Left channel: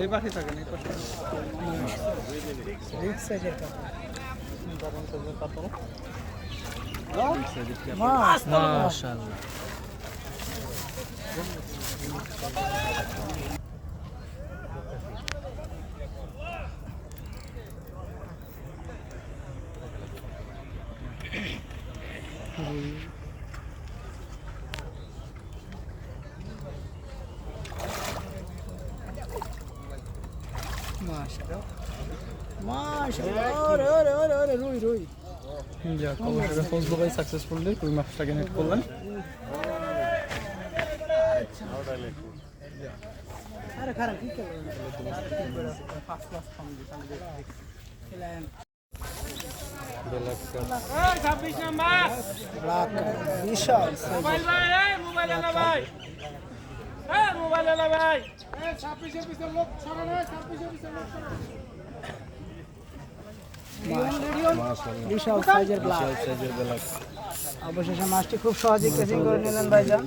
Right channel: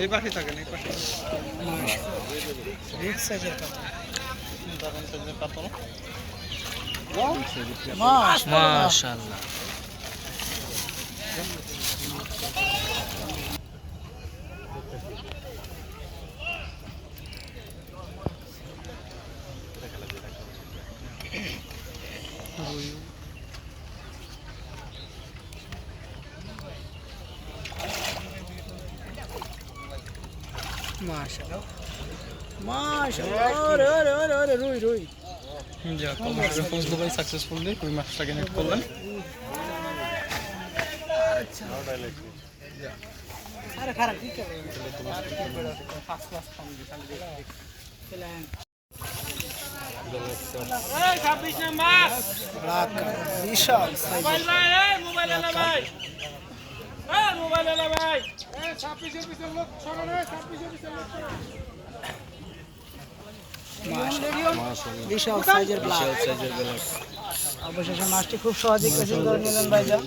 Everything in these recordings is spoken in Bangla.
এই পাশে থাকেন এই পাশে বিগ সাইজের কাতল দারুণ সাইজের কাতল মাশাআল্লাহ। মাশাআল্লাহ। মাশাআল্লাহ আরে আরে আরে আরে রুই রুই। যাক অবশ্যই ফজলু ভাই সাকসেসফুলি রুই মাছটাকে নেট করলেন। আরে খারাপ ঠিক আছে ব্ল্যাক বিশাল সাইজের ব্ল্যাক কাপ বিশাল সাইজের ব্ল্যাক অবশেষে মাছটি খুব সহজে কেসিং করে নিলেন ভাইজান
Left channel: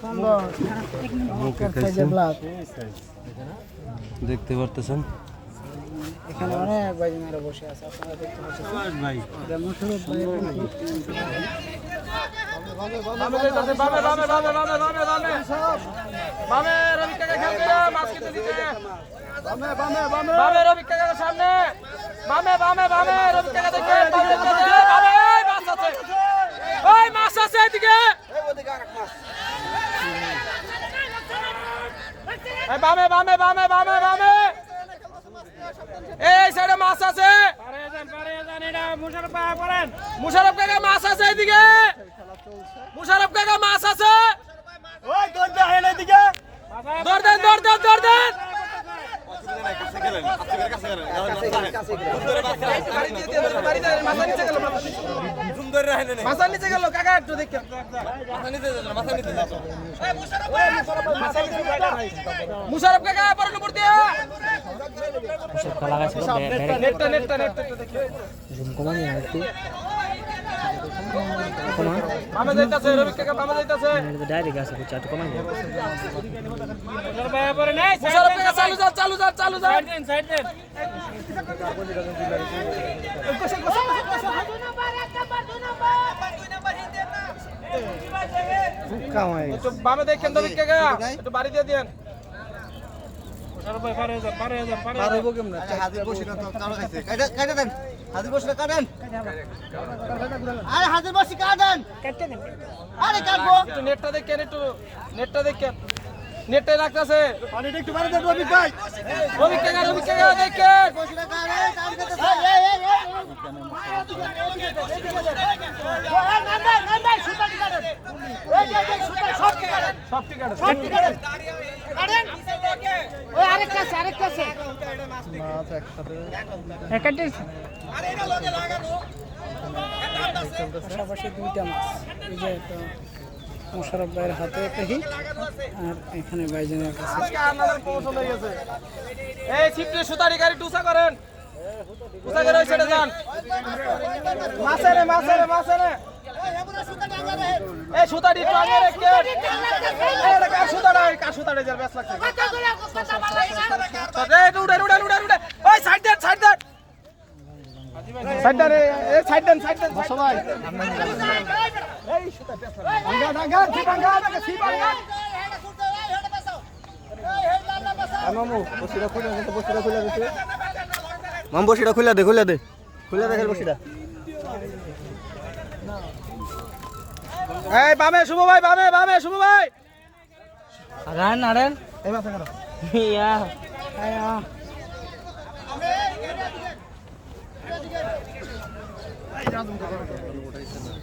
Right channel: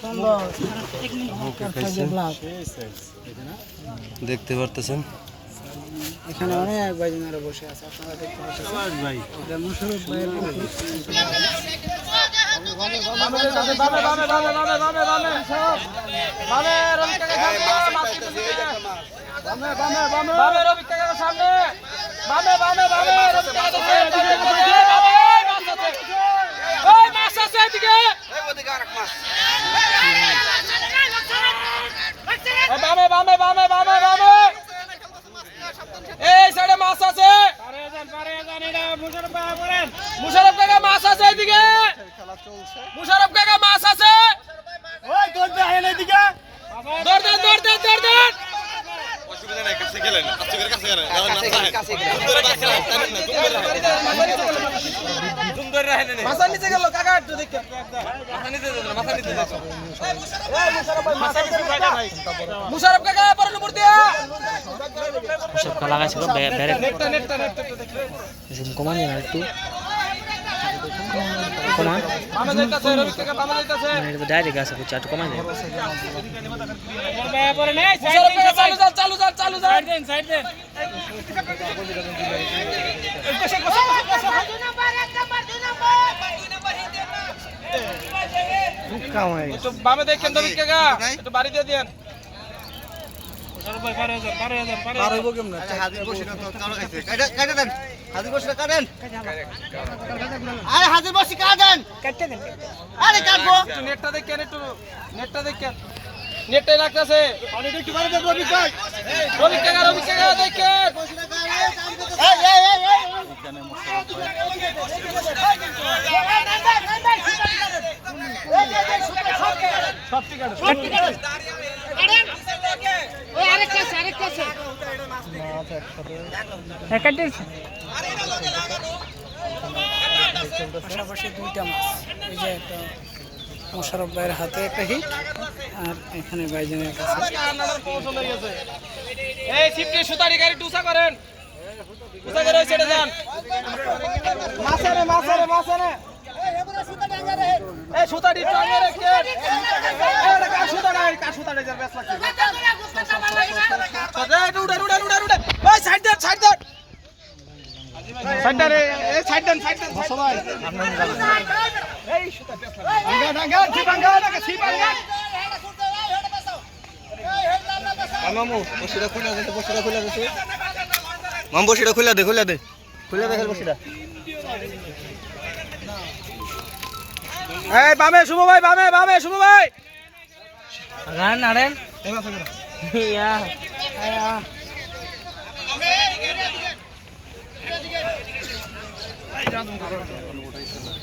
সম্ভব সাইজের ব্ল্যাক দেখতে পারতেছেন? এখানে অনেক ভাইজান বসে আছে আপনারা দেখতে পাচ্ছেন বামে বামে বামে বামে বামে এই সাইডে মাছ আছে। মুশারফ কাকা মাছ আছে এদিকে। মুশারফ কাকা মাছ আছে। দৌড় দেন দৌড় দেন দৌড় দেন। মাথার নিচে গেল কাকা একটু ডাইরেক্ট আছে একটু কমান চালু যান একটু বামে দেখেন রবি কাকা একটু বাড়ি দিয়ে দেন। হাজির বসে না তো কারও কাছে। কাটা কাটা দেন। হাজির বসে কাটেন আরে হাজির বসে কাটেন আরে কাটবো। নেটটা দেখেন একটু নেটটা দেখেন। নেটটাই রাখতেছে। রবি রবি কাকা দেখেন পাশাপাশি দুইটা মাছ। এই যে একটা মোশারফ ভাইয়ের হাতে একটা হিট আর এখানে ভাইজানের কাছে। হয়ে এই সুতারি গাড়ি টুসা করেন। টুসা করে ওই যান। মাছে রে মাছে রে মাছে রে। এই সুতারি টাঙে রেখে এই কার সুতাড়া কার সুতাড়া যার বেশ লাগছে? এই উড়ে উড়ে উড়ে উড়ে ওই সাইড সাইড দেন। সাইড এই সাইড দেন সাইড দেন সবাই মামু বসিটা খুলে দে বসিটা খুলে দে মাম বসিটা খুলে দে খুলে দে খুলে দে বসিটা এই বামে শুভ ভাই বামে বামে শুভ ভাই আগান ইয়া এই কাকা একটু সুতা রেখে হ্যাঁ ওই সামনে দেখতে দেখতে দেখেন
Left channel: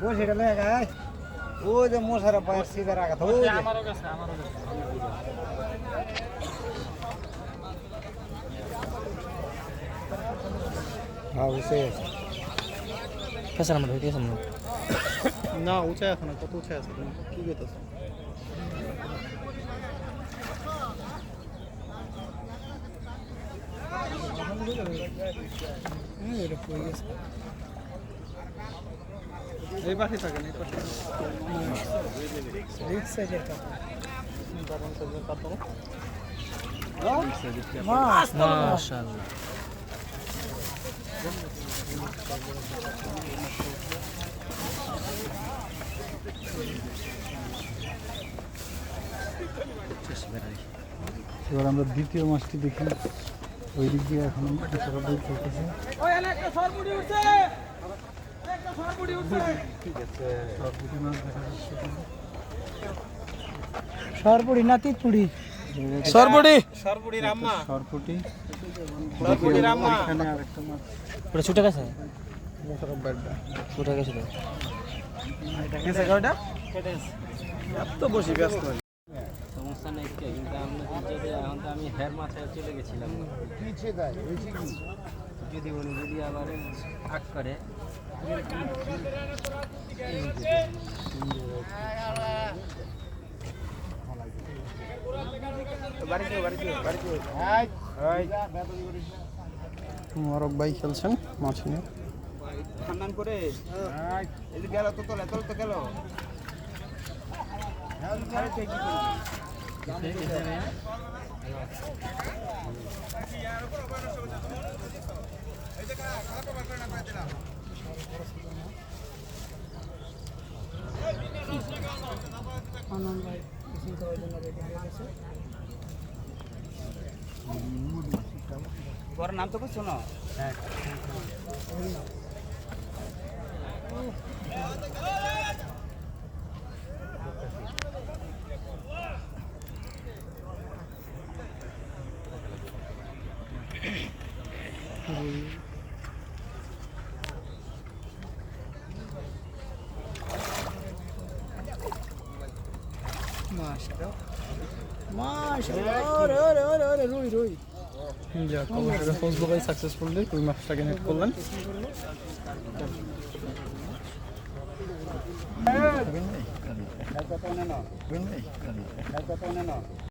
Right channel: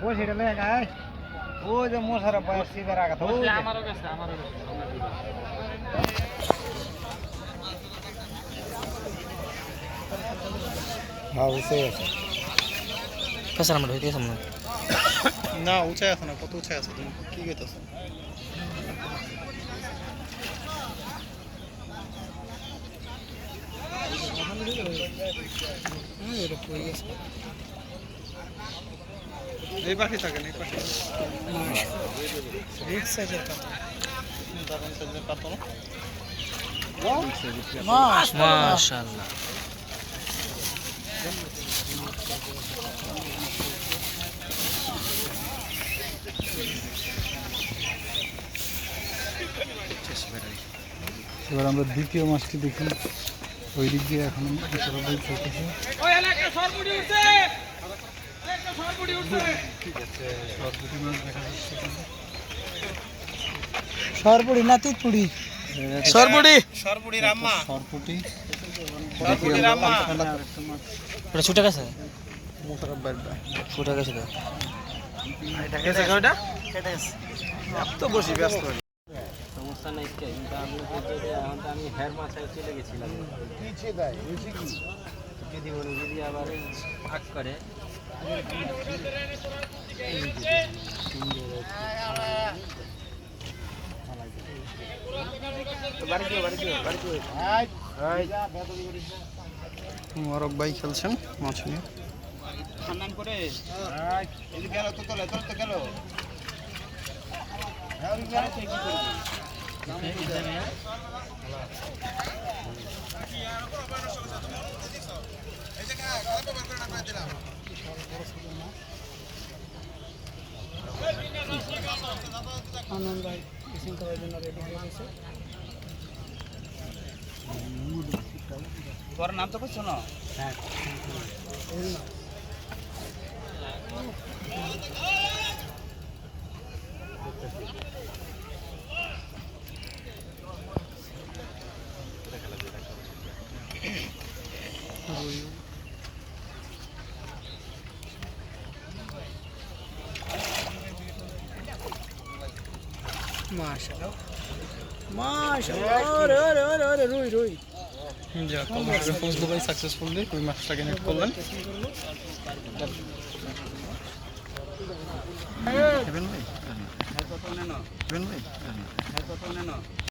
বসিটা লে গায় ও যে মশারা বাইর সিধা রাখা তো ওই যে। হ্যাঁ বুঝতে পারছি ফেসার আমরা হইতে সামনে না। উঁচাই আছে না কত উঁচাই আছে তুমি? কি গেছে এই পাশে থাকেন এই পাশে। বিগ সাইজের কাতল দারুণ সাইজের কাতল মাশাআল্লাহ। এবার আমরা দ্বিতীয় মাছটি দেখি। ওই দিক দিয়ে এখন সরাসরি চলতেছে। সরপুরি না তিতপুরি সরবড়ি। সরবড়ি রাম্মা। সরপুটি ওটা ছুটে গেছে? ছুটে গেছে তো। এত বসি ব্যস্ত সমস্যা নাই কিন্তু আমি আমি হেয়ার মাথায় চলে গেছিলাম। যদি উনি যদি আবার ভাগ করে মোবারক ভাই খেলছেন মাছ নিয়ে। সম্মান করে। গেল তো তোলে তোল তো গেল। আনন্দ ভাই হয়ে তোর নাম তো করছ না? মাশাআল্লাহ। মাশাআল্লাহ। ওরে ওরে ওরে ওরে রুই রুই। যাক অবশ্যই ফজলু ভাই সাকসেসফুলি ওই মাছটাকে নেট করলেন। ভাই